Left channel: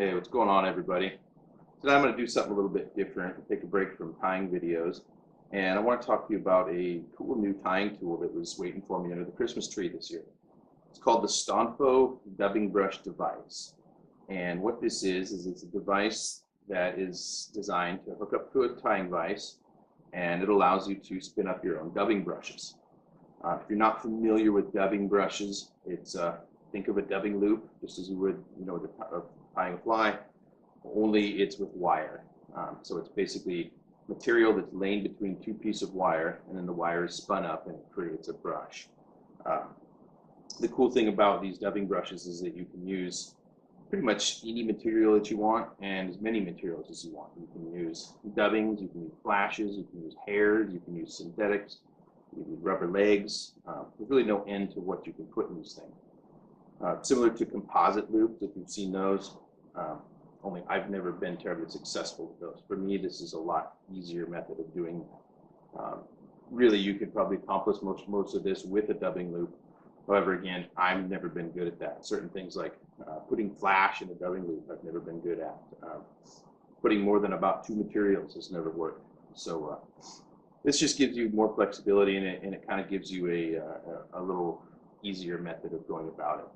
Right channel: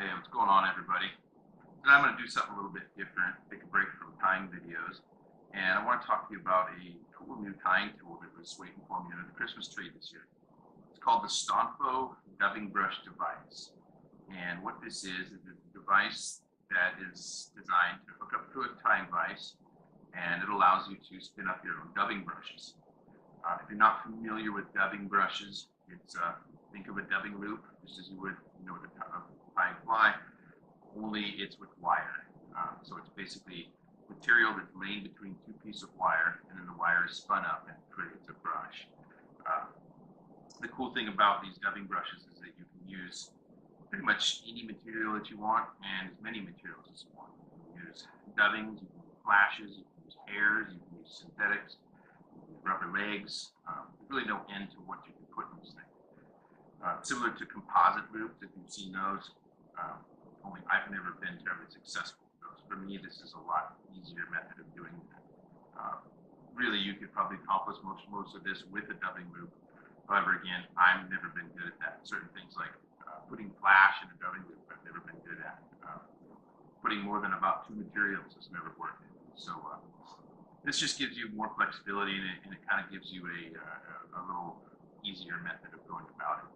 Hey, what's going on, everybody? Today I'm going to do something a little bit different, take a break from tying videos, and I want to talk to you about a cool new tying tool that was waiting for me under the Christmas tree this year. It's called the Stonfo Dubbing Brush Device. And what this is it's a device that is designed to hook up to a tying vise, and it allows you to spin up your own dubbing brushes. If you're not familiar with dubbing brushes, it's think of a dubbing loop, just as you would, with tying a fly, only it's with wire. So it's basically material that's laying between two pieces of wire, and then the wire is spun up and it creates a brush. The cool thing about these dubbing brushes is that you can use pretty much any material that you want and as many materials as you want. You can use dubbings, you can use flashes, you can use hairs, you can use synthetics, you can use rubber legs. There's really no end to what you can put in these things. Similar to composite loops, if you've seen those, only I've never been terribly successful with those. For me, this is a lot easier method of doing that. Really, you could probably accomplish most of this with a dubbing loop. However, again, I've never been good at that. Certain things like putting flash in a dubbing loop, I've never been good at. Putting more than about two materials has never worked. So this just gives you more flexibility in it, and it kind of gives you a little easier method of going about it.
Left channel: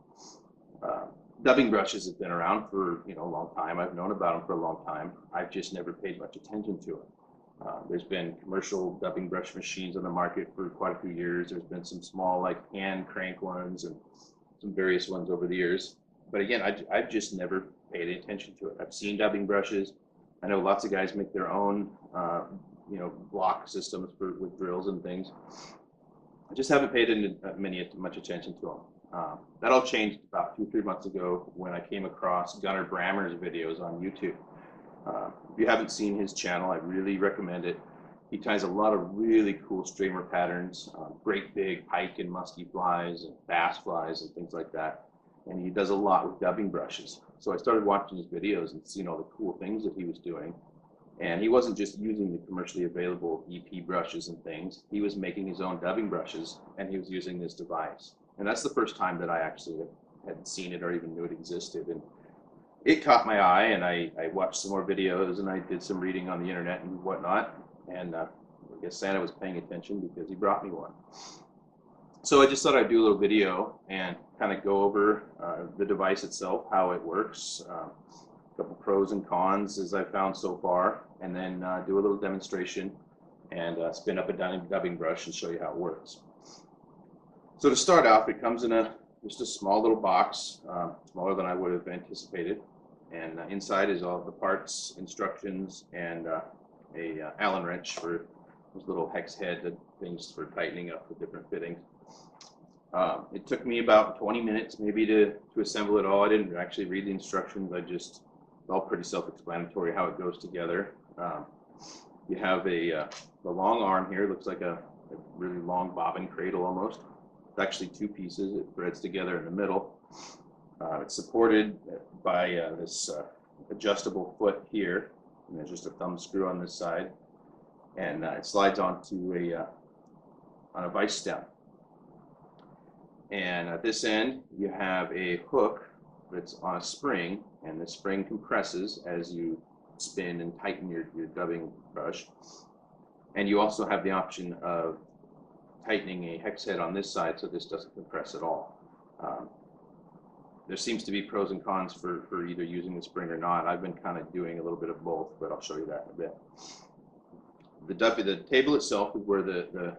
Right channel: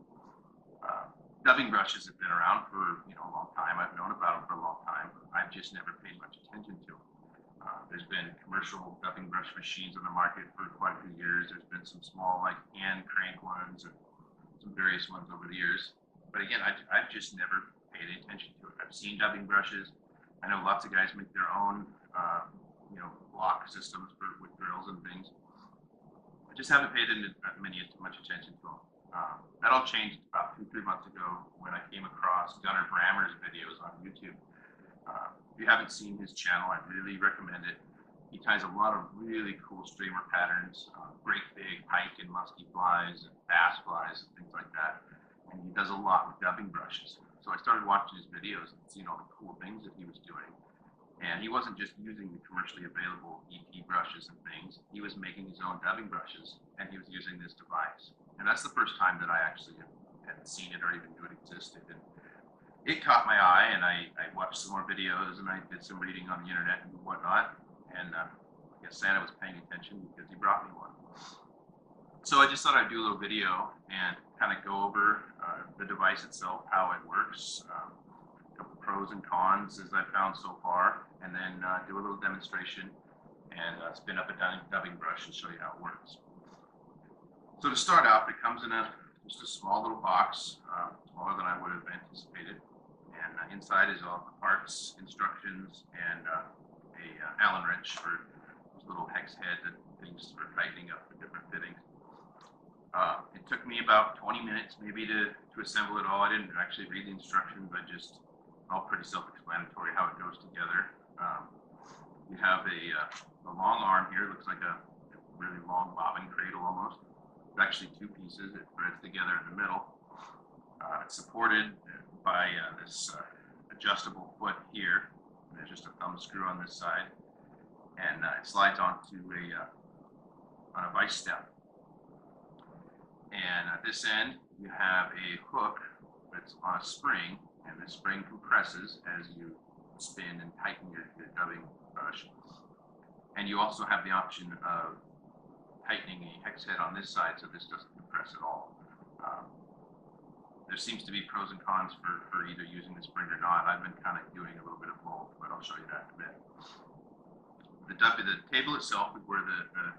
Dubbing brushes have been around for a long time. I've known about them for a long time. I've just never paid much attention to it. There's been commercial dubbing brush machines on the market for quite a few years. There's been some small like hand crank ones and some various ones over the years. But again, I've just never paid any attention to it. I've seen dubbing brushes. I know lots of guys make their own block systems with drills and things. I just haven't paid much attention to them. That all changed about 2-3 months ago when I came across Gunnar Brammer's videos on YouTube. If you haven't seen his channel, I really recommend it. He ties a lot of really cool streamer patterns, great big pike and musky flies and bass flies and things like that. And he does a lot with dubbing brushes. So I started watching his videos and seeing all the cool things that he was doing. And he wasn't just using the commercially available EP brushes and things. He was making his own dubbing brushes, and he was using this device. And that's the first time that I actually had seen it or even knew it existed. And it caught my eye, and I watched some more videos, and I did some reading on the internet and whatnot. And I guess Santa was paying attention because he brought me one. So I just thought I'd do a little video and kind of go over the device itself, how it works, a couple pros and cons as I've found so far, and then do a little demonstration and spin up a dubbing brush and show you how it works. So to start off, it comes in just a small little box, smaller than I would have anticipated, and inside is all the parts, instructions, and a Allen wrench for those little hex head things for tightening up the different fittings. It took me about 20 minutes maybe to assemble it all. I didn't actually read the instructions. It's all pretty self-explanatory how it goes together. You have the long arm here. It looks like a really long bobbin cradle almost. It's actually two pieces. It threads together in the middle. It's supported by this adjustable foot here, and there's just a thumb screw on this side, and it slides onto on a vise stem. And at this end, you have a hook that's on a spring, and the spring compresses as you spin and tighten your dubbing brush. And you also have the option of tightening a hex head on this side so this doesn't compress at all. There seems to be pros and cons for either using the spring or not. I've been kind of doing a little bit of both, but I'll show you that in a bit. The table itself is where the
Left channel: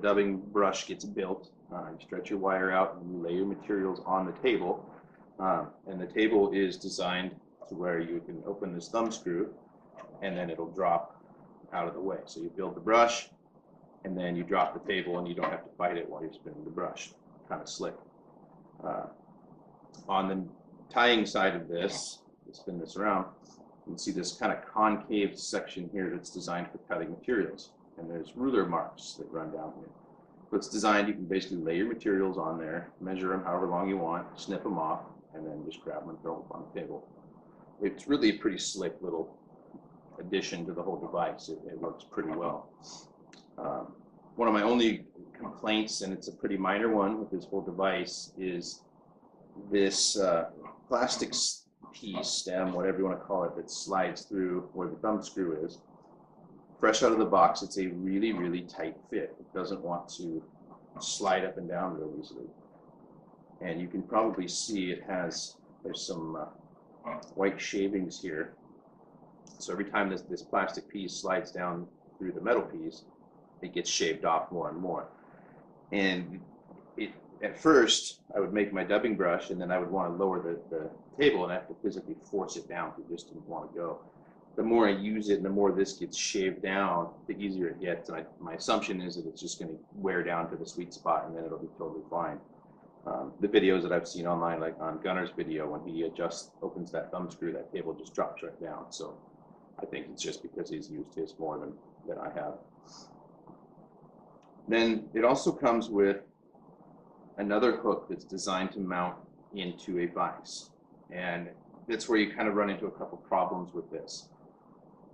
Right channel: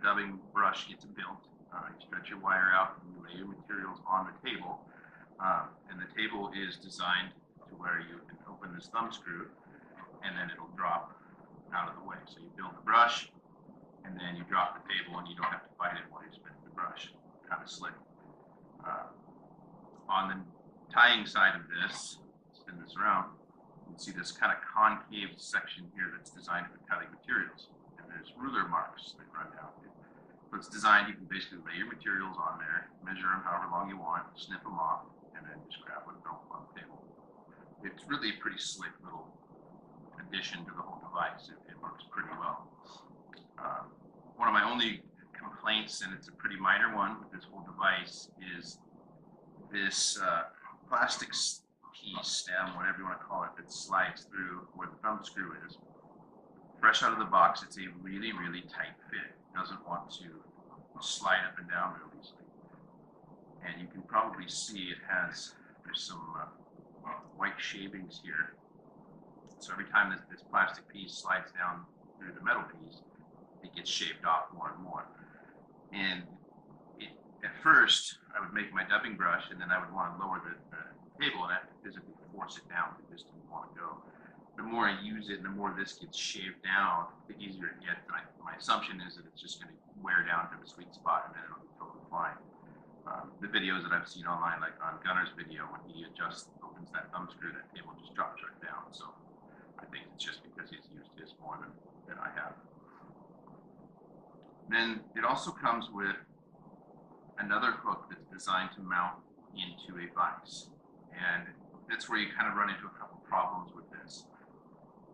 dubbing brush gets built. You stretch your wire out and you lay your materials on the table. And the table is designed to where you can open this thumb screw and then it'll drop out of the way. So you build the brush and then you drop the table and you don't have to fight it while you're spinning the brush. Kind of slick. On the tying side of this, let's spin this around, you can see this kind of concave section here that's designed for cutting materials. And there's ruler marks that run down here. So it's designed, you can basically lay your materials on there, measure them however long you want, snip them off, and then just grab them and throw them up on the table. It's really a pretty slick little addition to the whole device. It works pretty well. One of my only complaints, and it's a pretty minor one with this whole device, is this plastic piece, stem, whatever you want to call it, that slides through where the thumb screw is. Fresh out of the box, it's a really, really tight fit. It doesn't want to slide up and down real easily. And you can probably see there's some white shavings here. So every time this plastic piece slides down through the metal piece, it gets shaved off more and more. And at first, I would make my dubbing brush, and then I would want to lower the table, and I have to physically force it down because it just didn't want to go. The more I use it and the more this gets shaved down, the easier it gets. And my assumption is that it's just going to wear down to the sweet spot, and then it'll be totally fine. The videos that I've seen online, like on Gunner's video, when he opens that thumb screw, that table just drops right down. So I think it's just because he's used his more than I have. Then it also comes with another hook that's designed to mount into a vise. And that's where you kind of run into a couple problems with this.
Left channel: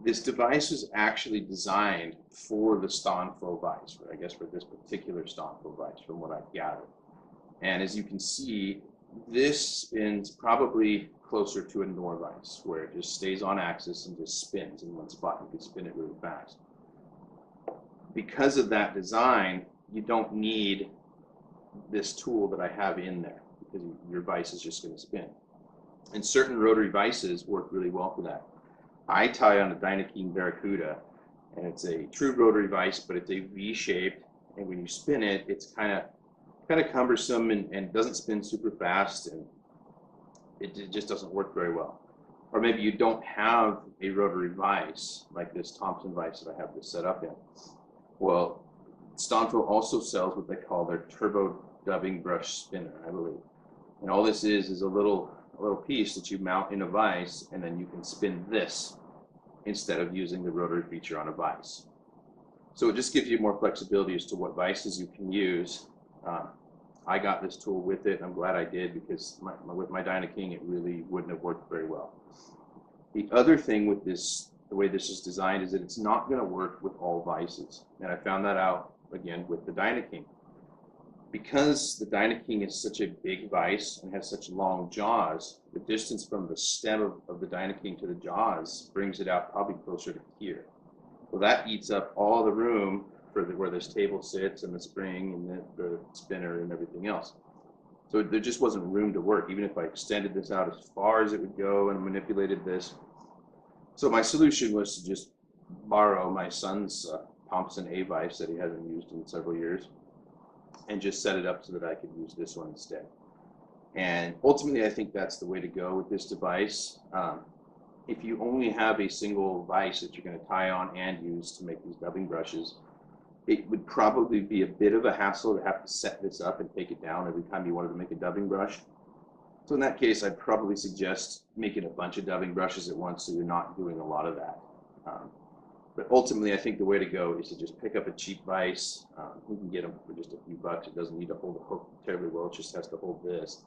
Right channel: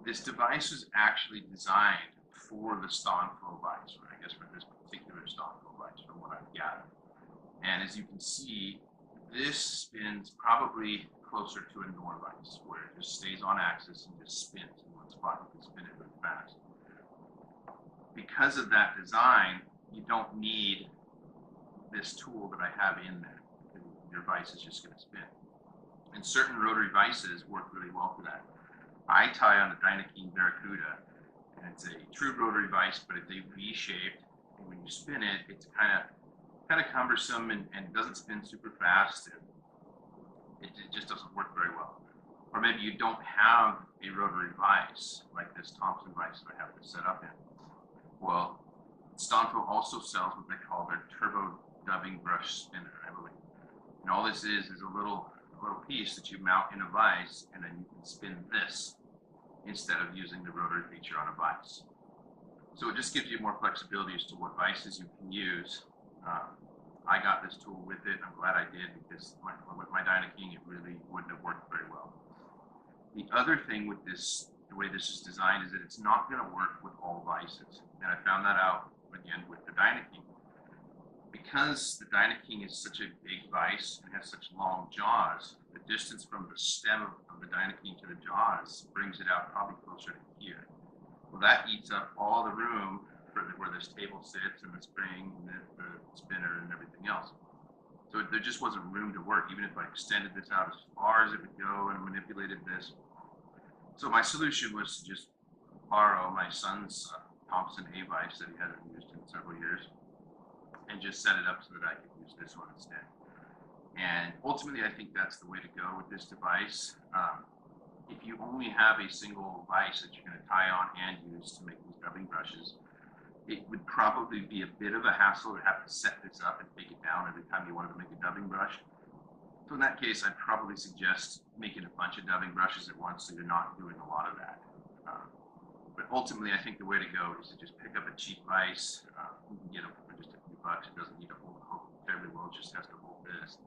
This device was actually designed for the Stonfo Vise, or I guess for this particular Stonfo Vise, from what I've gathered. And as you can see, this spins probably closer to a Nor vise, where it just stays on axis and just spins in one spot. You can spin it really fast. Because of that design, you don't need this tool that I have in there, because your vise is just going to spin. And certain rotary vices work really well for that. I tie on a Dynaking Barracuda, and it's a true rotary vise, but it's a V-shaped, and when you spin it, it's kind of cumbersome and doesn't spin super fast, and it just doesn't work very well. Or maybe you don't have a rotary vise like this Thompson vise that I have this set up in. Well, Stonfo also sells what they call their Turbo Dubbing Brush Spinner, I believe. And all this is a little piece that you mount in a vise, and then you can spin this instead of using the rotary feature on a vise. So it just gives you more flexibility as to what vices you can use. I got this tool with it. I'm glad I did, because with my Dynaking, it really wouldn't have worked very well. The other thing with this, the way this is designed, is that it's not going to work with all vices. And I found that out, again, with the Dynaking. Because the Dynaking is such a big vise and has such long jaws, the distance from the stem of the Dynaking to the jaws brings it out probably closer to here. Well, that eats up all the room for where this table sits, and the spring, and the spinner, and everything else. So there just wasn't room to work, even if I extended this out as far as it would go and manipulated this. So my solution was to just borrow my son's Thompson A vise that he hasn't used in several years, and just set it up so that I could use this one instead. And ultimately, I think that's the way to go with this device. If you only have a single vise that you're going to tie on and use to make these dubbing brushes, it would probably be a bit of a hassle to have to set this up and take it down every time you wanted to make a dubbing brush. So in that case, I'd probably suggest making a bunch of dubbing brushes at once, so you're not doing a lot of that. But ultimately, I think the way to go is to just pick up a cheap vise. You can get them for just a few bucks. It doesn't need to hold the hook terribly well. It just has to hold this.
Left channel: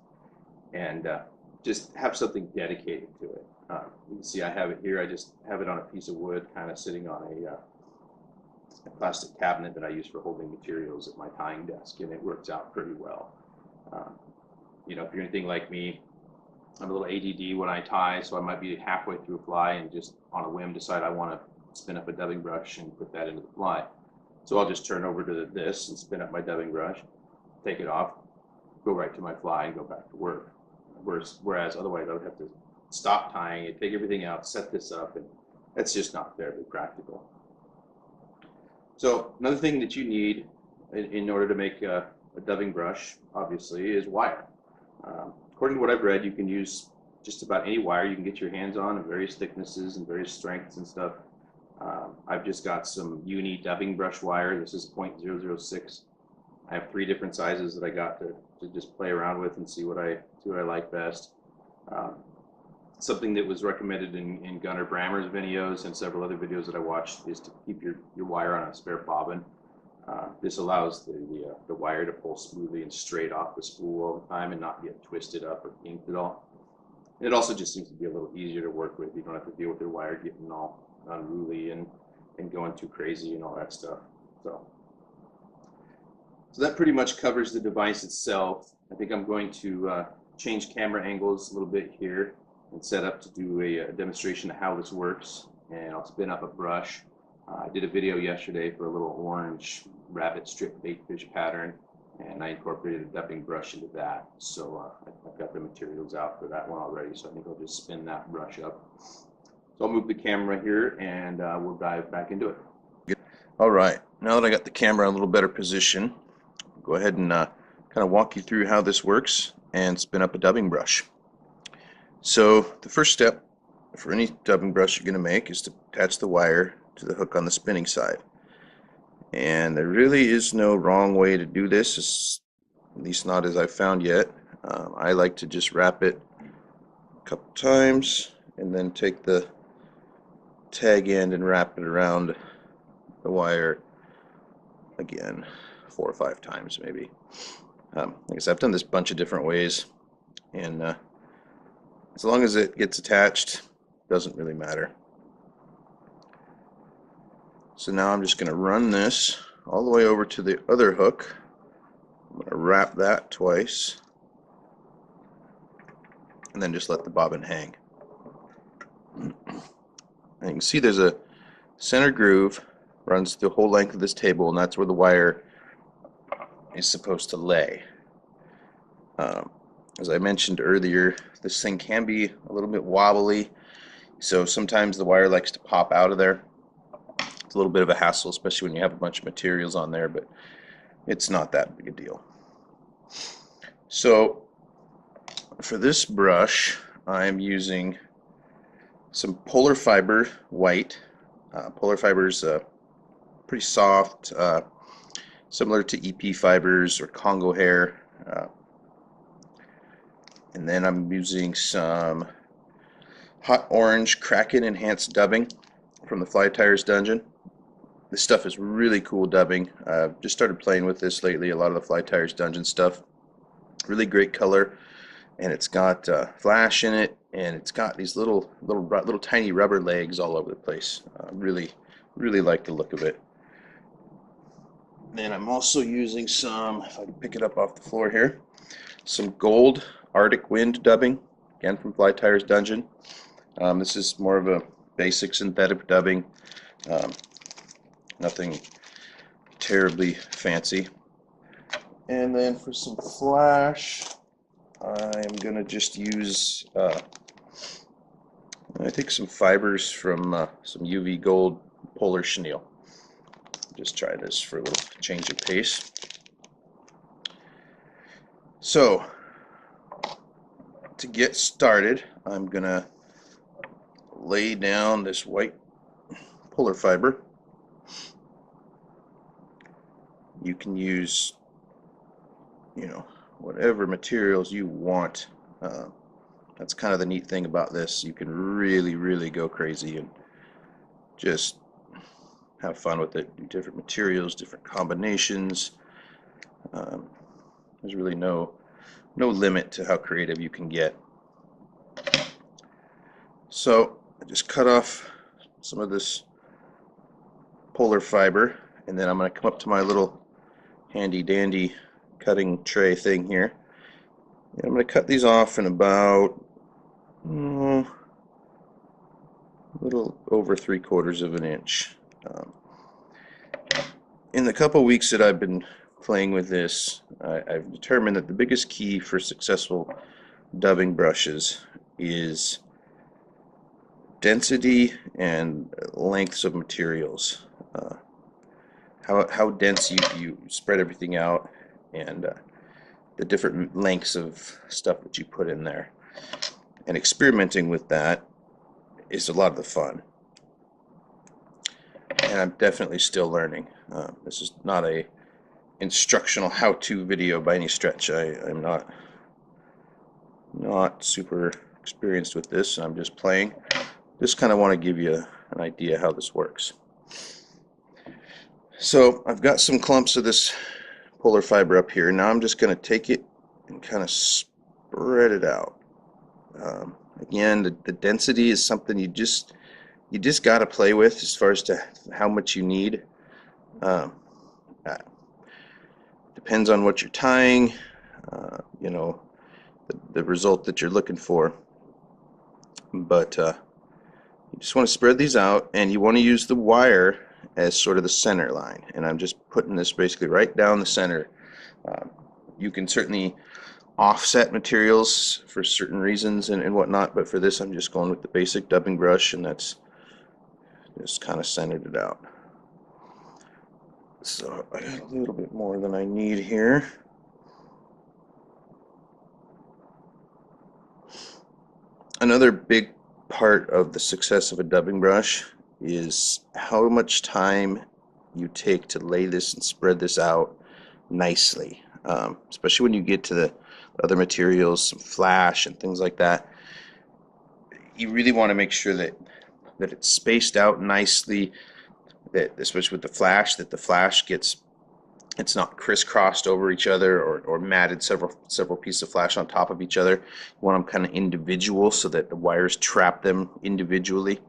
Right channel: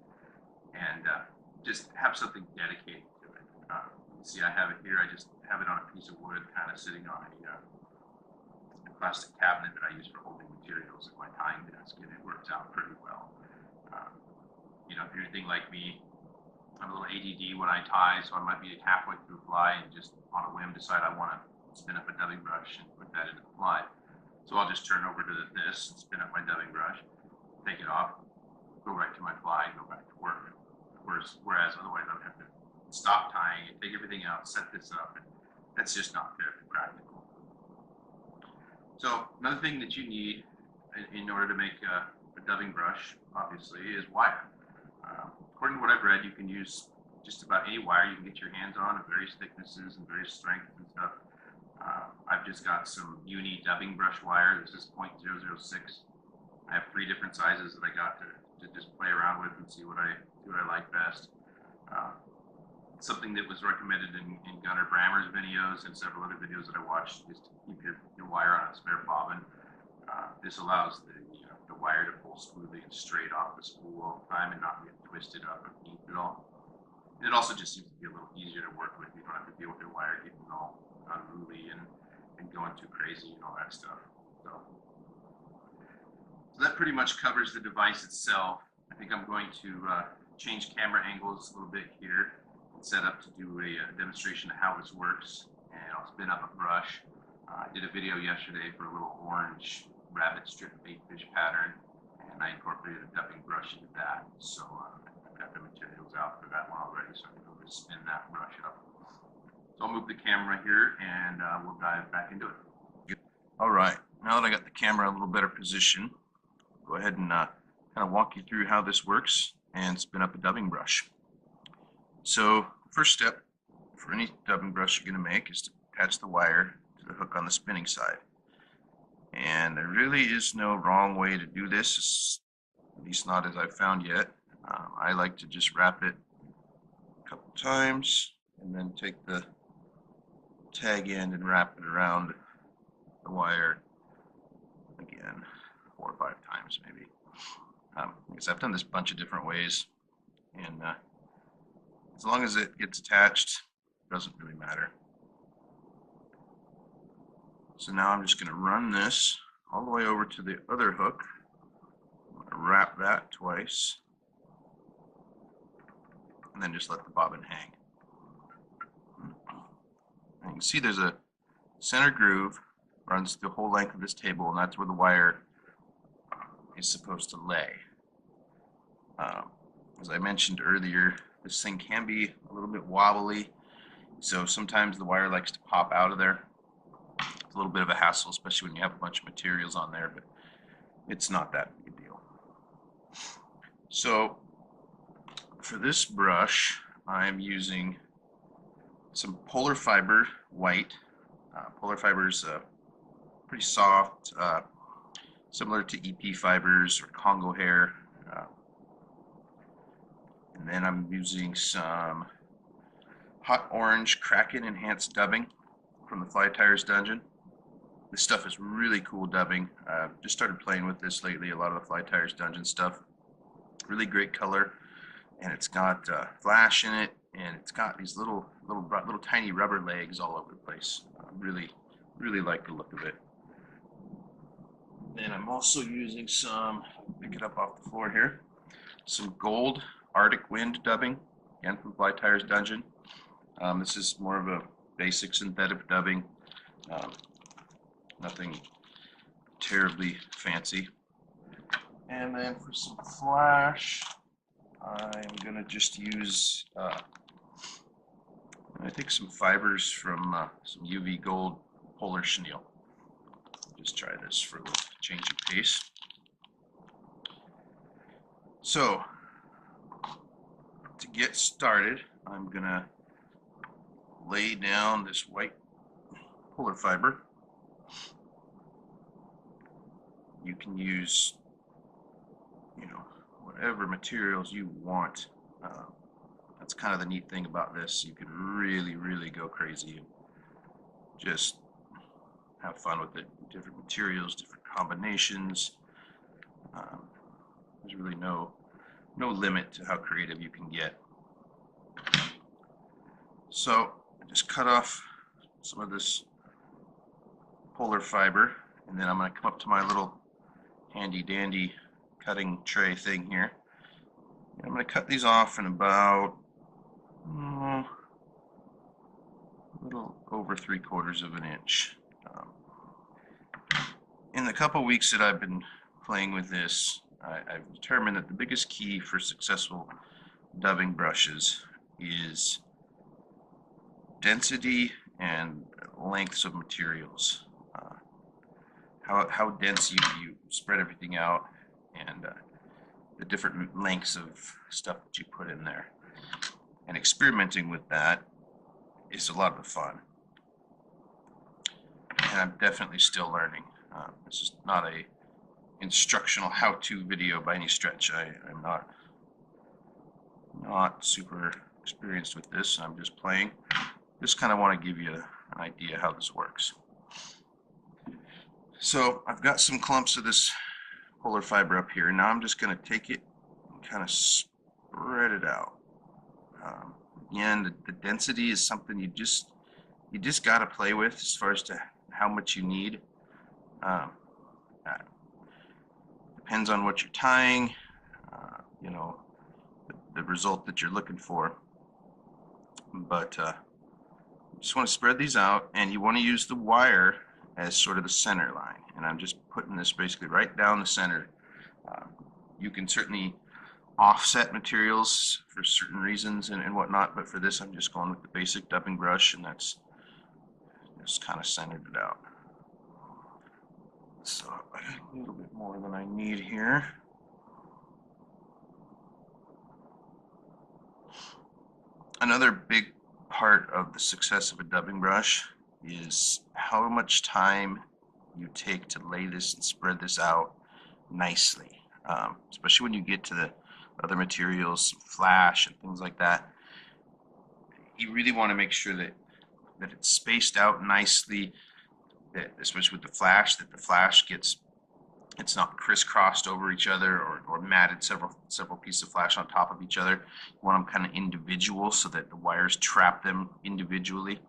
And just have something dedicated to it. You can see I have it here. I just have it on a piece of wood, kind of sitting on a plastic cabinet that I use for holding materials at my tying desk, and it works out pretty well. You know, if you're anything like me, I'm a little ADD when I tie, so I might be halfway through a fly and just on a whim decide I want to spin up a dubbing brush and put that into the fly. So I'll just turn over to this and spin up my dubbing brush, take it off, go right to my fly, and go back to work. Whereas otherwise I would have to stop tying it, take everything out, set this up, and that's just not terribly practical. So another thing that you need in order to make a dubbing brush, obviously, is wire. According to what I've read, you can use just about any wire you can get your hands on of various thicknesses and various strengths and stuff. I've just got some uni dubbing brush wire. This is 0.006. I have 3 different sizes that I got to just play around with and see what I like best. Something that was recommended in Gunner Brammer's videos and several other videos that I watched is to keep your wire on a spare bobbin. This allows the wire to pull smoothly and straight off the spool all the time and not get twisted up or kinked at all. And it also just seems to be a little easier to work with. You don't have to deal with your wire getting all unruly and going too crazy and all that stuff. So that pretty much covers the device itself. I think I'm going to change camera angles a little bit here and set up to do a demonstration of how this works. And I'll spin up a brush. I did a video yesterday for a little orange rabbit strip bait fish pattern, and I incorporated a dubbing brush into that. So I've got the materials out for that one already, so I think I'll just spin that brush up. So I'll move the camera here and we'll dive back into it. All right, now that I got the camera in a little better position, I'll go ahead and kind of walk you through how this works and spin up a dubbing brush. So the first step for any dubbing brush you're going to make is to attach the wire to the hook on the spinning side. And there really is no wrong way to do this, at least not as I've found yet. I like to just wrap it a couple times and then take the tag end and wrap it around the wire again 4 or 5 times maybe. Like I said, I've done this a bunch of different ways, and as long as it gets attached, doesn't really matter. So now I'm just going to run this all the way over to the other hook. I'm going to wrap that twice and then just let the bobbin hang. And you can see there's a center groove, runs the whole length of this table, and that's where the wire is supposed to lay. As I mentioned earlier, this thing can be a little bit wobbly, so sometimes the wire likes to pop out of there. It's a little bit of a hassle, especially when you have a bunch of materials on there, but it's not that big a deal. So for this brush, I'm using some polar fiber white. Polar fiber is pretty soft, similar to EP fibers or Congo hair. And then I'm using some hot orange Kraken enhanced dubbing from the Fly Tires Dungeon. This stuff is really cool dubbing. I've just started playing with this lately, a lot of the Fly Tires Dungeon stuff. Really great color, and it's got flash in it, and it's got these little tiny rubber legs all over the place. Really like the look of it. Then I'm also using some, if I can pick it up off the floor here, some gold Arctic Wind dubbing, again from Fly Tires Dungeon. This is more of a basic synthetic dubbing, nothing terribly fancy. And then for some flash, I'm going to just use, I think, some fibers from some UV Gold Polar Chenille. Just try this for a little change of pace. So, to get started, I'm going to lay down this white polar fiber. You can use, whatever materials you want. That's kind of the neat thing about this. You can really go crazy and just have fun with it. Do different materials, different combinations. There's really no limit to how creative you can get. So I just cut off some of this polar fiber, and then I'm going to come up to my little handy dandy cutting tray thing here. And I'm going to cut these off in about a little over 3/4 of an inch. In the couple weeks that I've been playing with this, I've determined that the biggest key for successful dubbing brushes is density and lengths of materials. How dense you spread everything out, and the different lengths of stuff that you put in there. And experimenting with that is a lot of the fun. And I'm definitely still learning. This is not a instructional how-to video by any stretch. I'm not super experienced with this, and I'm just playing. Just kind of want to give you an idea how this works. So I've got some clumps of this polar fiber up here. Now I'm just going to take it and kind of spread it out. Again, the density is something you just got to play with as far as to how much you need. Depends on what you're tying, the result that you're looking for. But you just want to spread these out, and you want to use the wire as sort of the center line. And I'm just putting this basically right down the center. You can certainly offset materials for certain reasons and whatnot, but for this I'm just going with the basic dubbing brush, and that's just kind of centered it out. So I got a little bit more than I need here. Another big part of the success of a dubbing brush is how much time you take to lay this and spread this out nicely, especially when you get to the other materials, some flash and things like that. You really want to make sure that it's spaced out nicely, that especially with the flash, that the flash gets, it's not crisscrossed over each other or matted several pieces of flash on top of each other. You want them kind of individual so that the wires trap them individually.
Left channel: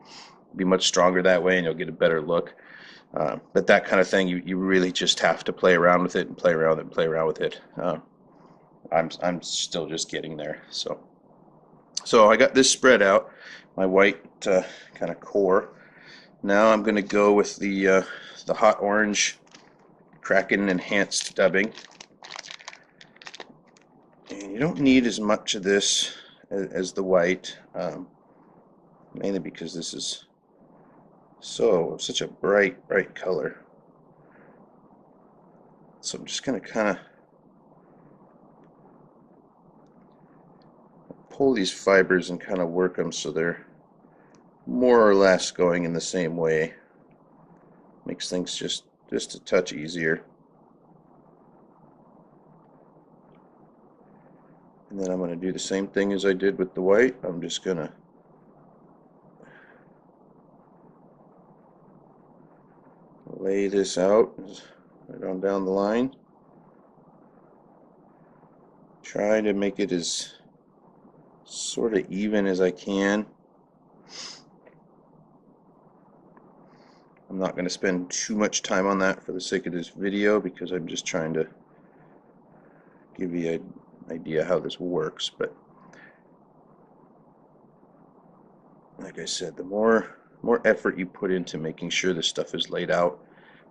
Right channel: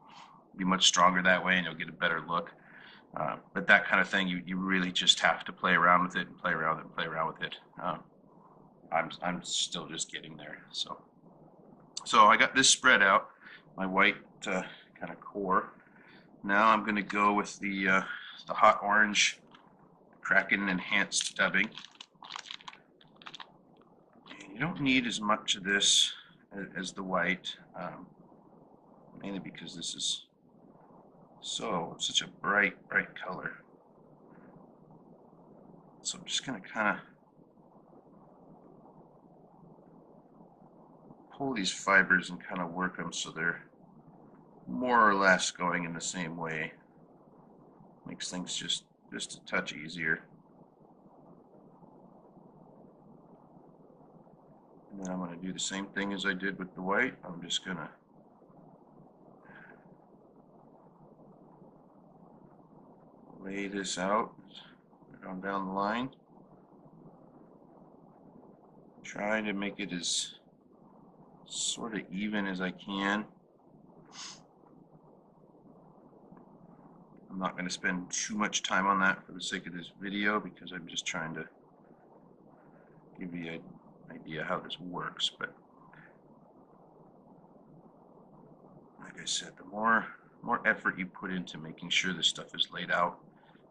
Be much stronger that way, and you'll get a better look. But that kind of thing, you really just have to play around with it and play around with it and play around with it. I'm still just getting there. So I got this spread out, my white kind of core. Now I'm going to go with the hot orange Kraken enhanced dubbing. And you don't need as much of this as the white, mainly because this is such a bright color. So I'm just going to kind of pull these fibers and kind of work them so they're more or less going in the same way. Makes things just a touch easier. And then I'm going to do the same thing as I did with the white. I'm just going to lay this out right on down the line. Try to make it as sort of even as I can. I'm not going to spend too much time on that for the sake of this video, because I'm just trying to give you an idea how this works. But like I said, the more effort you put into making sure this stuff is laid out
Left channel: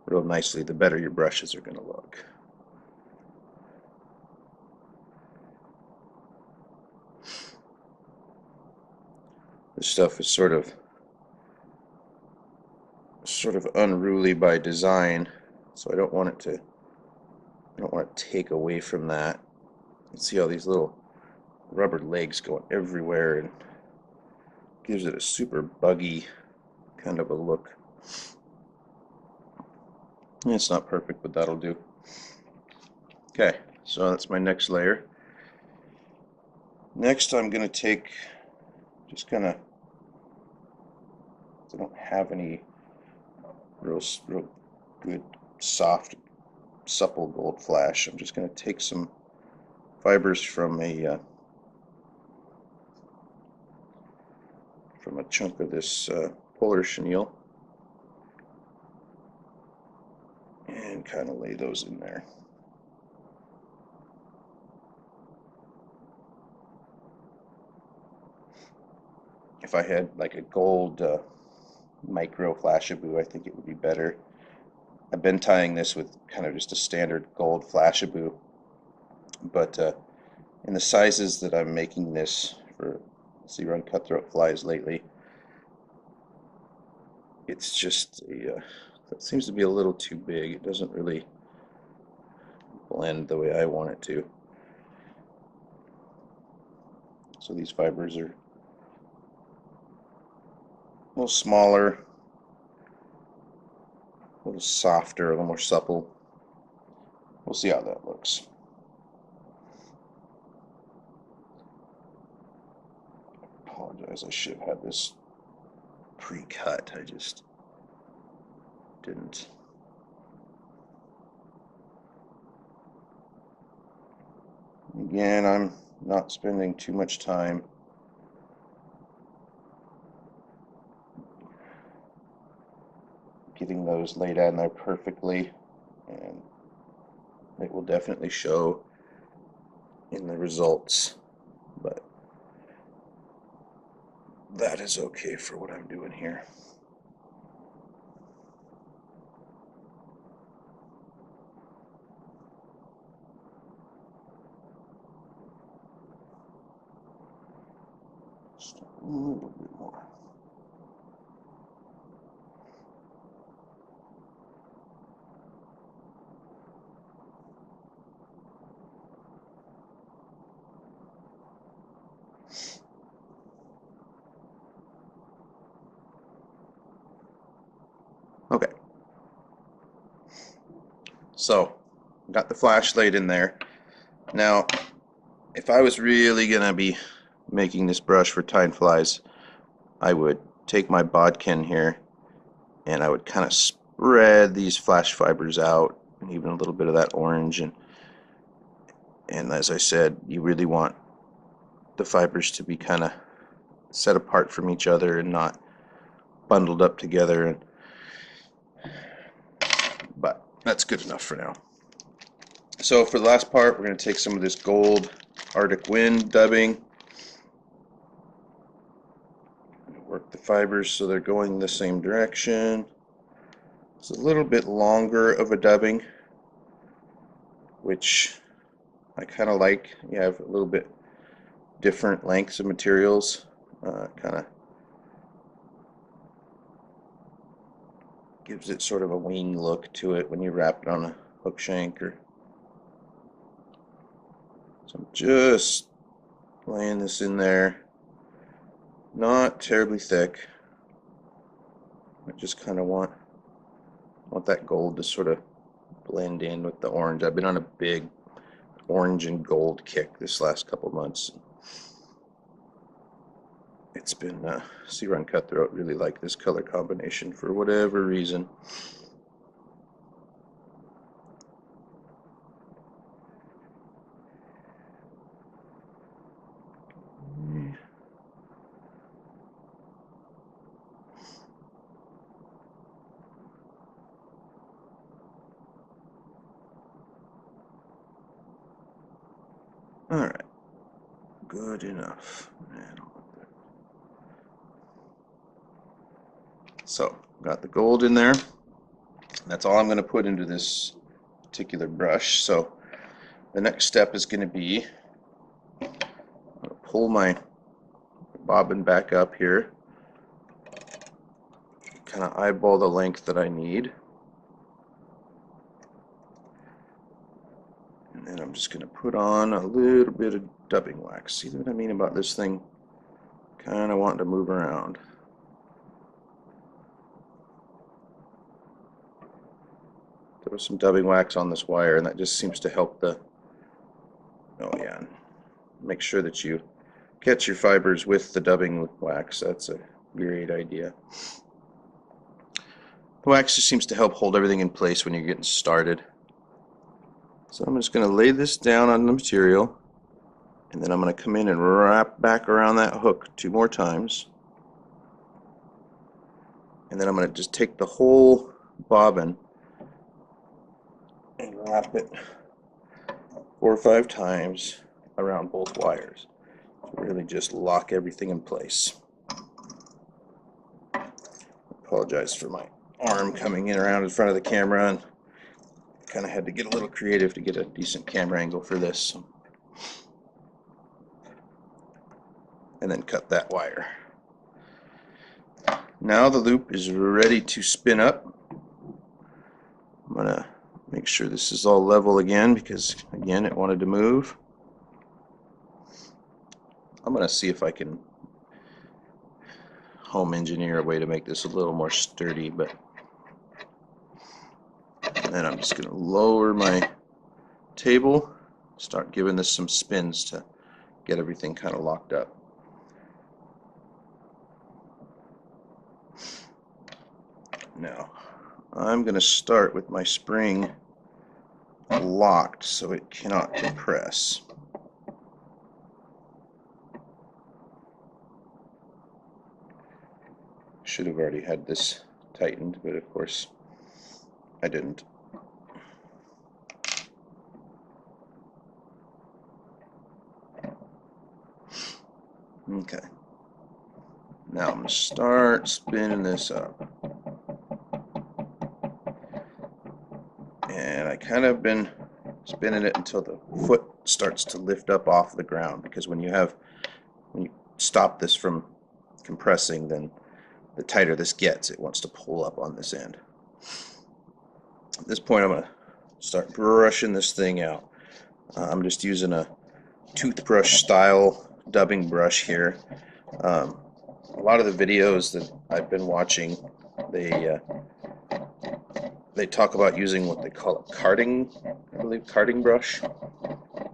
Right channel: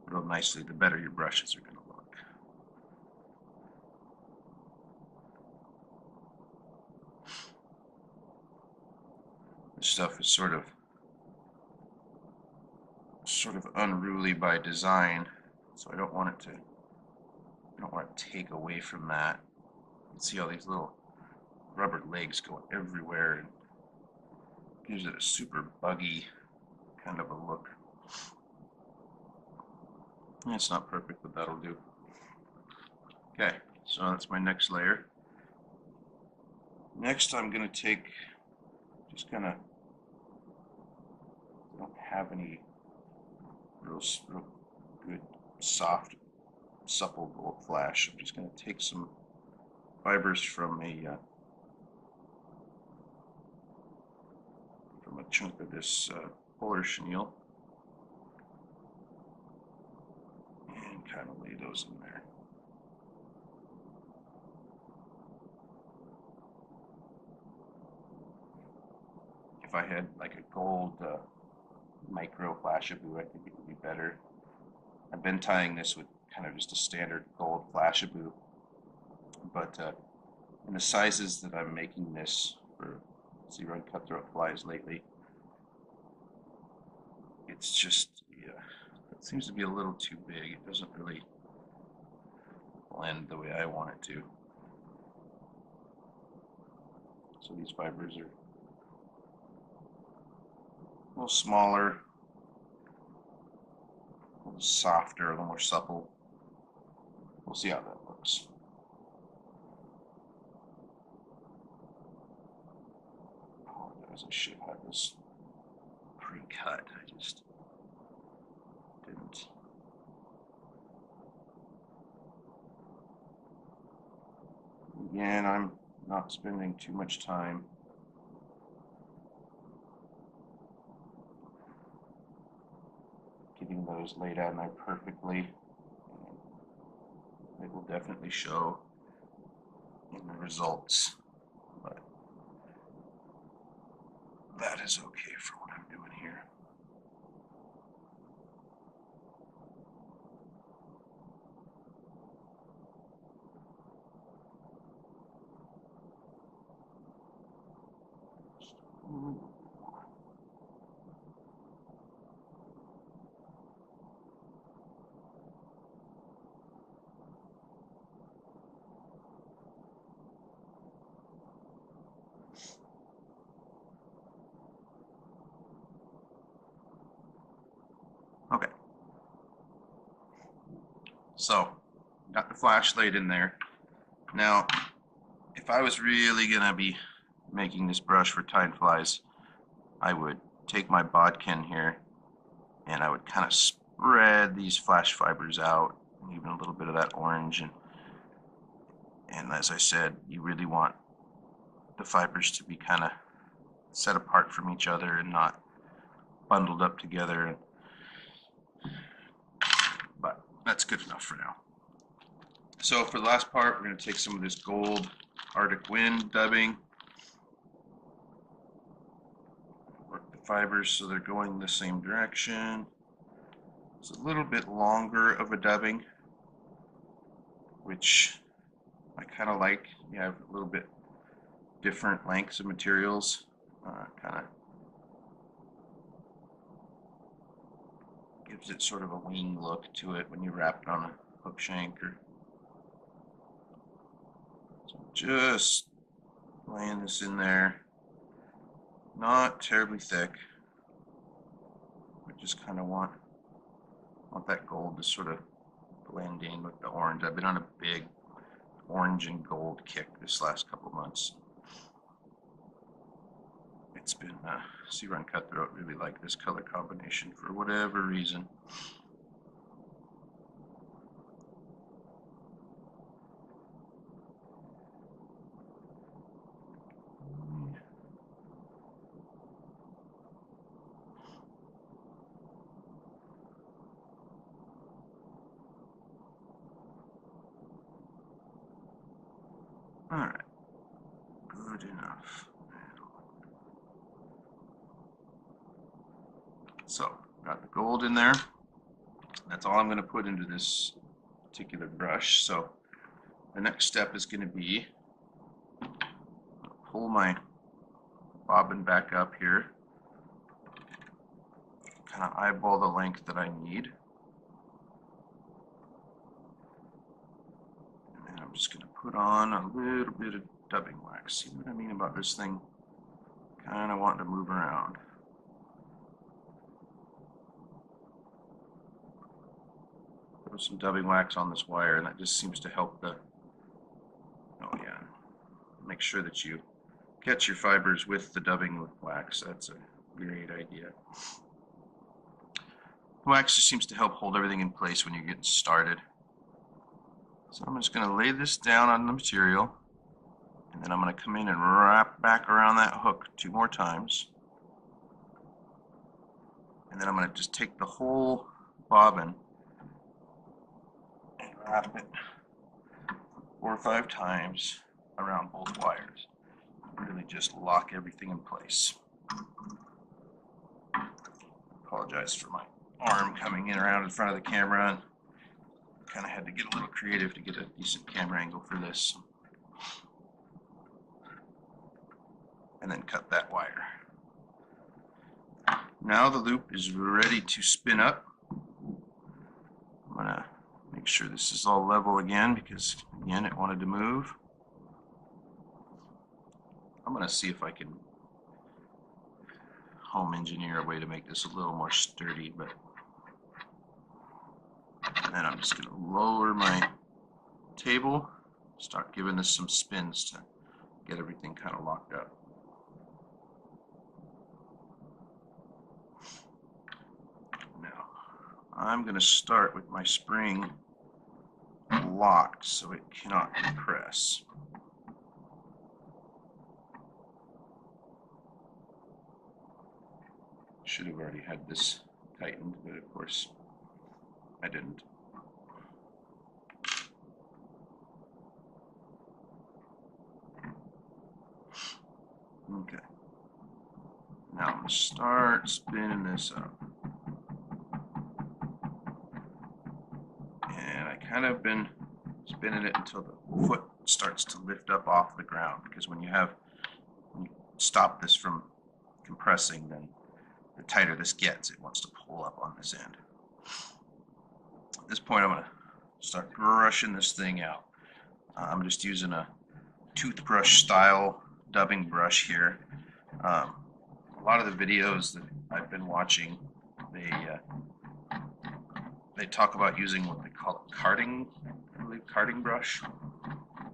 real nicely, the better your brushes are going to look. This stuff is sort of unruly by design, so I don't want to take away from that. You can see all these little rubber legs going everywhere, and gives it a super buggy kind of a look. It's not perfect, but that'll do. Okay, so that's my next layer. Next I'm going to take, just kind of, I don't have any real good soft supple gold flash. I'm just going to take some fibers from a chunk of this polar chenille and kind of lay those in there. If I had like a gold micro Flashabou, I think it would be better. I've been tying this with kind of just a standard gold Flashabou, but in the sizes that I'm making this for zero and cutthroat flies lately, it's just that seems to be a little too big. It doesn't really blend the way I want it to. So these fibers are a little smaller, a little softer, a little more supple. We'll see how that looks. I apologize, I should have had this pre-cut. I just didn't. Again, I'm not spending too much time getting those laid out in there perfectly, and it will definitely show in the results. But that is okay for what I'm doing here. Just a little bit more. Okay. So, got the flashlight in there. Now, if I was really gonna be making this brush for time flies, I would take my bodkin here and I would kind of spread these flash fibers out, and even a little bit of that orange, and as I said, you really want the fibers to be kind of set apart from each other and not bundled up together, but that's good enough for now. So for the last part, we're going to take some of this gold Arctic Wind dubbing, work the fibers so they're going the same direction. It's a little bit longer of a dubbing, which I kind of like. You have a little bit different lengths of materials, kind of gives it sort of a wing look to it when you wrap it on a hook shank. So I'm just laying this in there, not terribly thick. I just kind of want that gold to sort of blend in with the orange. I've been on a big orange and gold kick this last couple months. It's been Sea Run Cutthroat really like this color combination for whatever reason. All right, good enough. So, got the gold in there. That's all I'm going to put into this particular brush. So, the next step is going to be, I'm going to pull my bobbin back up here, kind of eyeball the length that I need, and then I'm just going to put on a little bit of dubbing wax. See what I mean about this thing kind of wanting to move around. Throw some dubbing wax on this wire, and that just seems to help the, oh yeah, make sure that you catch your fibers with the dubbing wax. That's a great idea. The wax just seems to help hold everything in place when you're getting started. So I'm just going to lay this down on the material, and then I'm going to come in and wrap back around that hook 2 more times. And then I'm going to just take the whole bobbin and wrap it 4 or 5 times around both wires. Really just lock everything in place. Apologize for my arm coming in around in front of the camera, and kind of had to get a little creative to get a decent camera angle for this. And then cut that wire. Now the loop is ready to spin up. I'm going to make sure this is all level again, because again it wanted to move. I'm going to see if I can home engineer a way to make this a little more sturdy, but and then I'm just going to lower my table, start giving this some spins to get everything kind of locked up. Now I'm going to start with my spring locked so it cannot compress. Should have already had this tightened, but of course I didn't. Okay. Now I'm going to start spinning this up. And I kind of been spinning it until the foot starts to lift up off the ground, because when you stop this from compressing, then the tighter this gets, it wants to pull up on this end. At this point, I'm going to start brushing this thing out. I'm just using a toothbrush style dubbing brush here. A lot of the videos that I've been watching, they talk about using what they call a carding, I believe, carding brush.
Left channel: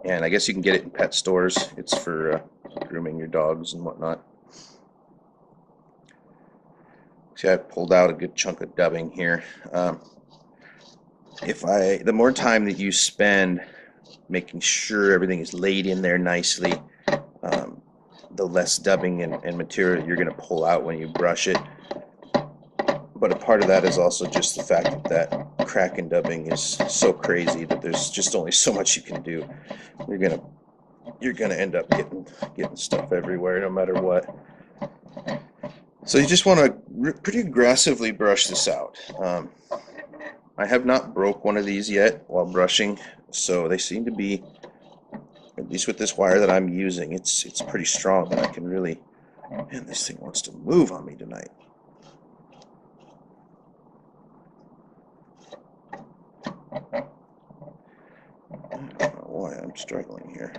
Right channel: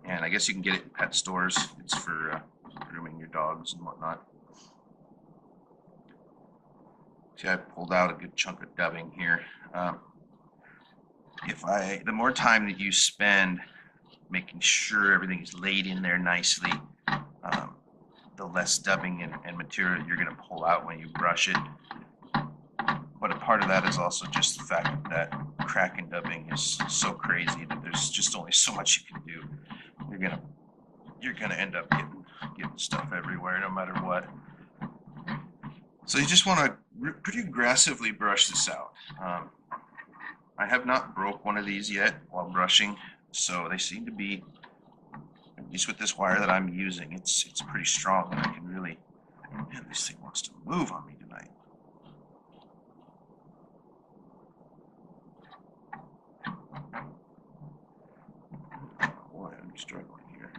And I guess you can get it in pet stores. It's for grooming your dogs and whatnot. See, I pulled out a good chunk of dubbing here. The more time that you spend making sure everything is laid in there nicely, the less dubbing and material you're going to pull out when you brush it. But a part of that is also just the fact that crack and dubbing is so crazy that there's just only so much you can do. You're gonna end up getting stuff everywhere, no matter what. So you just want to pretty aggressively brush this out. I have not broke one of these yet while brushing, so they seem to be, at least with this wire that I'm using, it's pretty strong, and I can really. Man, this thing wants to move on me tonight. I don't know why I'm struggling here.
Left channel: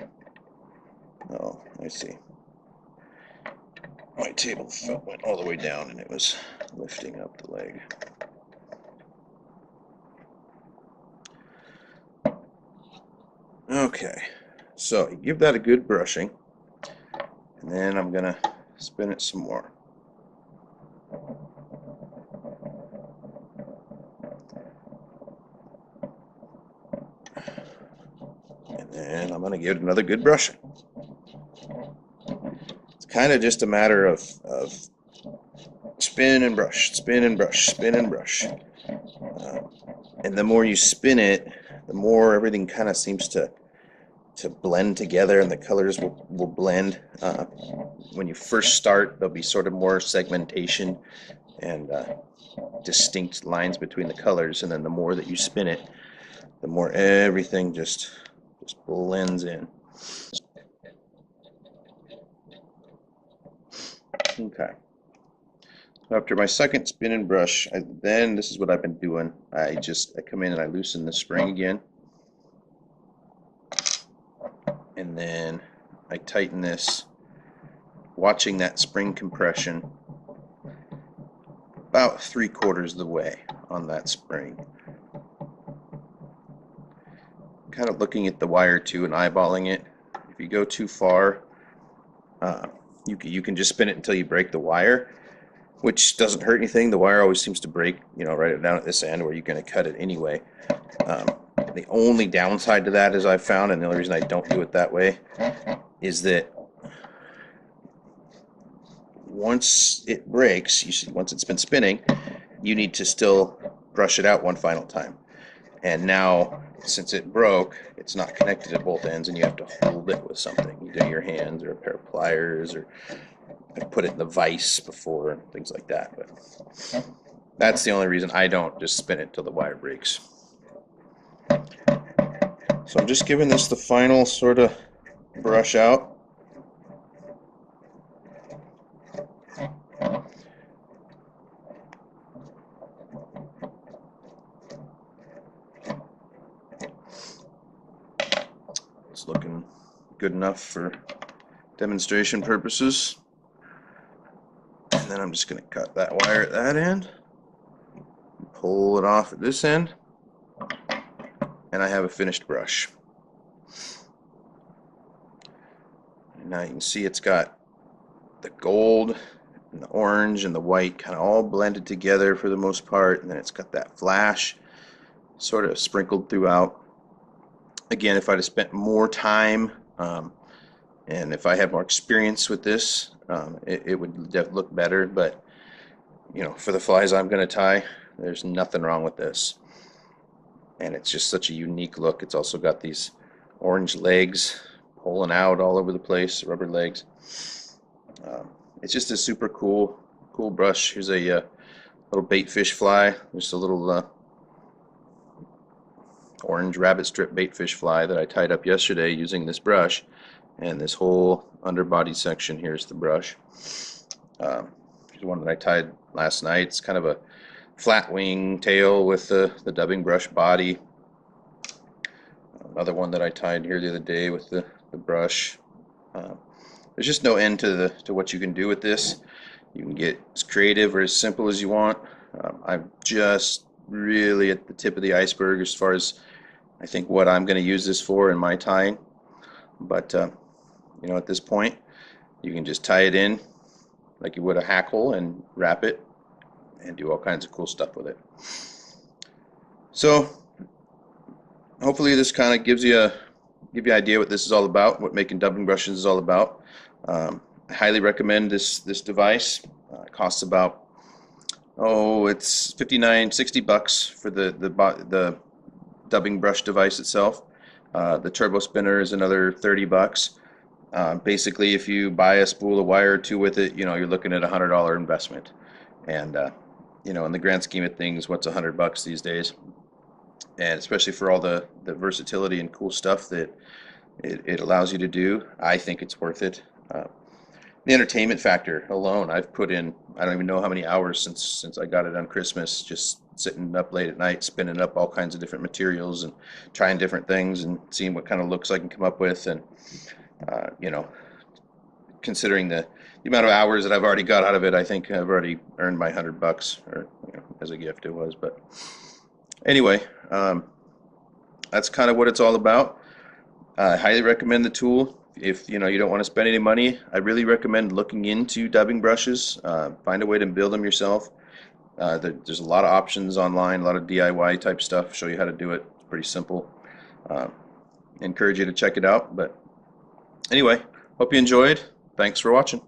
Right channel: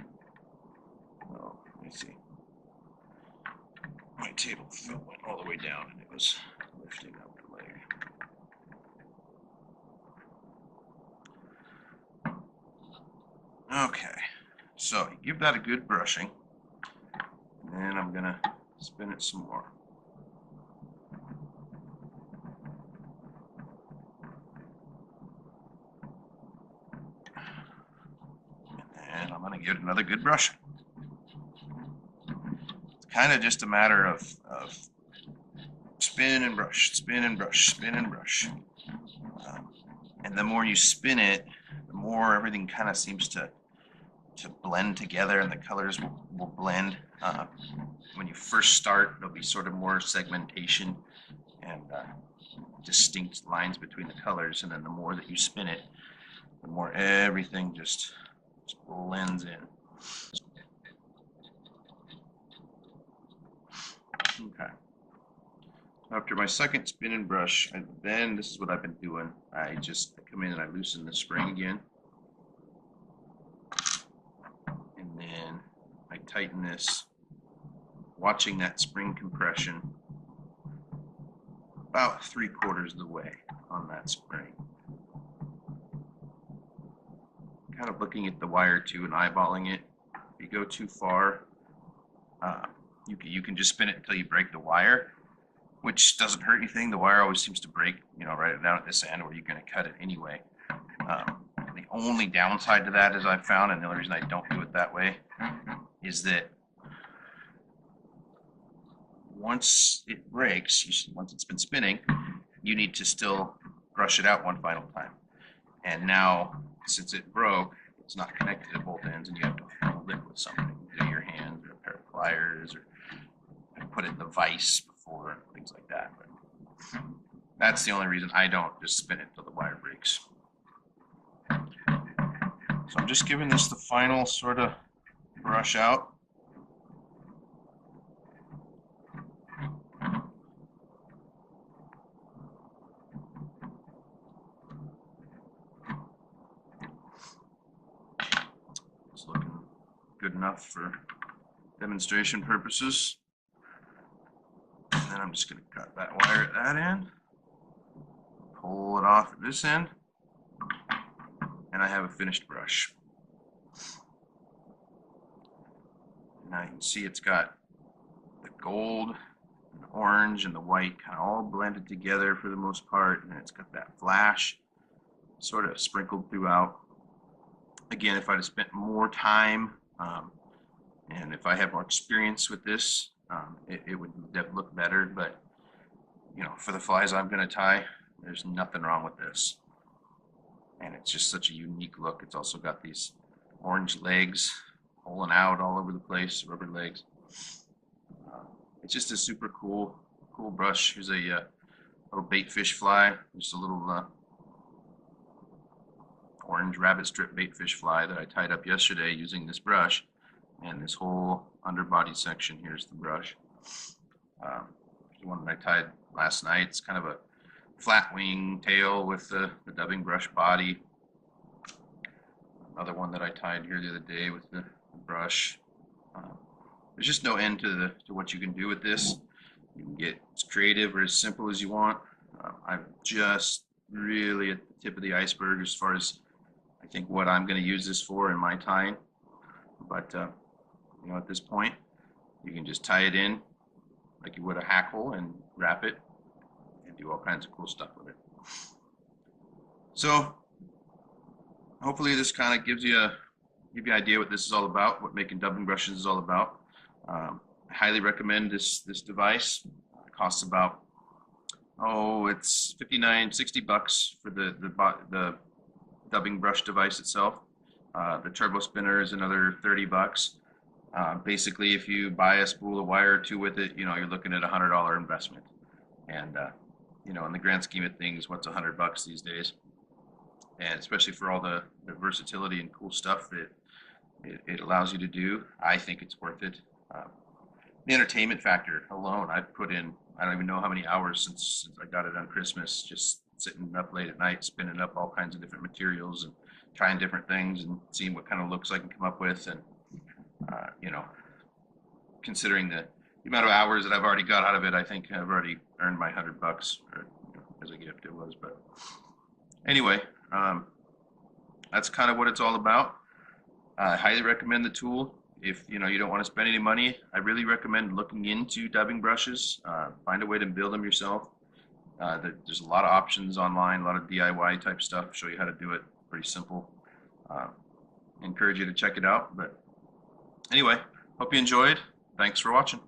Oh, I see. My table foot went all the way down and it was lifting up the leg. Okay, so you give that a good brushing, and then I'm going to spin it some more. And I'm going to give it another good brushing. It's kind of just a matter of spin and brush, spin and brush, spin and brush. And the more you spin it, the more everything kind of seems to blend together, and the colors will blend. When you first start, there'll be sort of more segmentation and distinct lines between the colors, and then the more that you spin it, the more everything just blends in. Okay. So after my second spin and brush, then this is what I've been doing. I come in and I loosen the spring again, and then I tighten this, watching that spring compression about 3/4 of the way on that spring. Kind of looking at the wire too and eyeballing it. If you go too far, you can just spin it until you break the wire, which doesn't hurt anything. The wire always seems to break, right down at this end where you're going to cut it anyway. The only downside to that, as I've found, and the only reason I don't do it that way, is that once it breaks, once it's been spinning, you need to still brush it out one final time. And now, since it broke, it's not connected at both ends, and you have to hold it with something, either your hands or a pair of pliers, or I've put it in the vise before, things like that. But that's the only reason I don't just spin it till the wire breaks. So I'm just giving this the final sort of brush out. It's looking good enough for demonstration purposes. And then I'm just going to cut that wire at that end, pull it off at this end, and I have a finished brush. And now you can see it's got the gold and the orange and the white kind of all blended together for the most part, and then it's got that flash sort of sprinkled throughout. Again, if I'd have spent more time and if I had more experience with this, it would look better. But for the flies I'm going to tie, there's nothing wrong with this, and it's just such a unique look. It's also got these orange legs pulling out all over the place, rubber legs. It's just a super cool brush. Here's a little bait fish fly, just a little orange rabbit strip bait fish fly that I tied up yesterday using this brush, and this whole underbody section here is the brush. Here's one that I tied last night. It's kind of a flat wing tail with the dubbing brush body. Another one that I tied here the other day with the brush. There's just no end to what you can do with this. You can get as creative or as simple as you want. I'm just really at the tip of the iceberg as far as I think what I'm going to use this for in my tying. But you know, at this point, you can just tie it in like you would a hackle and wrap it and do all kinds of cool stuff with it. So hopefully this kind of gives you an idea what this is all about, what making dubbing brushes is all about. I highly recommend this device. It costs about, it's $59-$60 for the dubbing brush device itself. The turbo spinner is another $30. Basically, if you buy a spool of wire or two with it, you know, you're looking at a $100 investment. And you know, in the grand scheme of things, what's $100 these days? And especially for all the versatility and cool stuff that it allows you to do, I think it's worth it. The entertainment factor alone, I've put in, I don't even know how many hours since I got it on Christmas, just sitting up late at night, spinning up all kinds of different materials and trying different things and seeing what kind of looks I can come up with. And you know, considering the amount of hours that I've already got out of it, I think I've already earned my $100, or you know, as a gift it was. But anyway, that's kind of what it's all about. I highly recommend the tool. If you know you don't want to spend any money, I really recommend looking into dubbing brushes. Find a way to build them yourself. There's a lot of options online, a lot of DIY type stuff. Show you how to do it. It's pretty simple. Encourage you to check it out. But anyway, hope you enjoyed. Thanks for watching.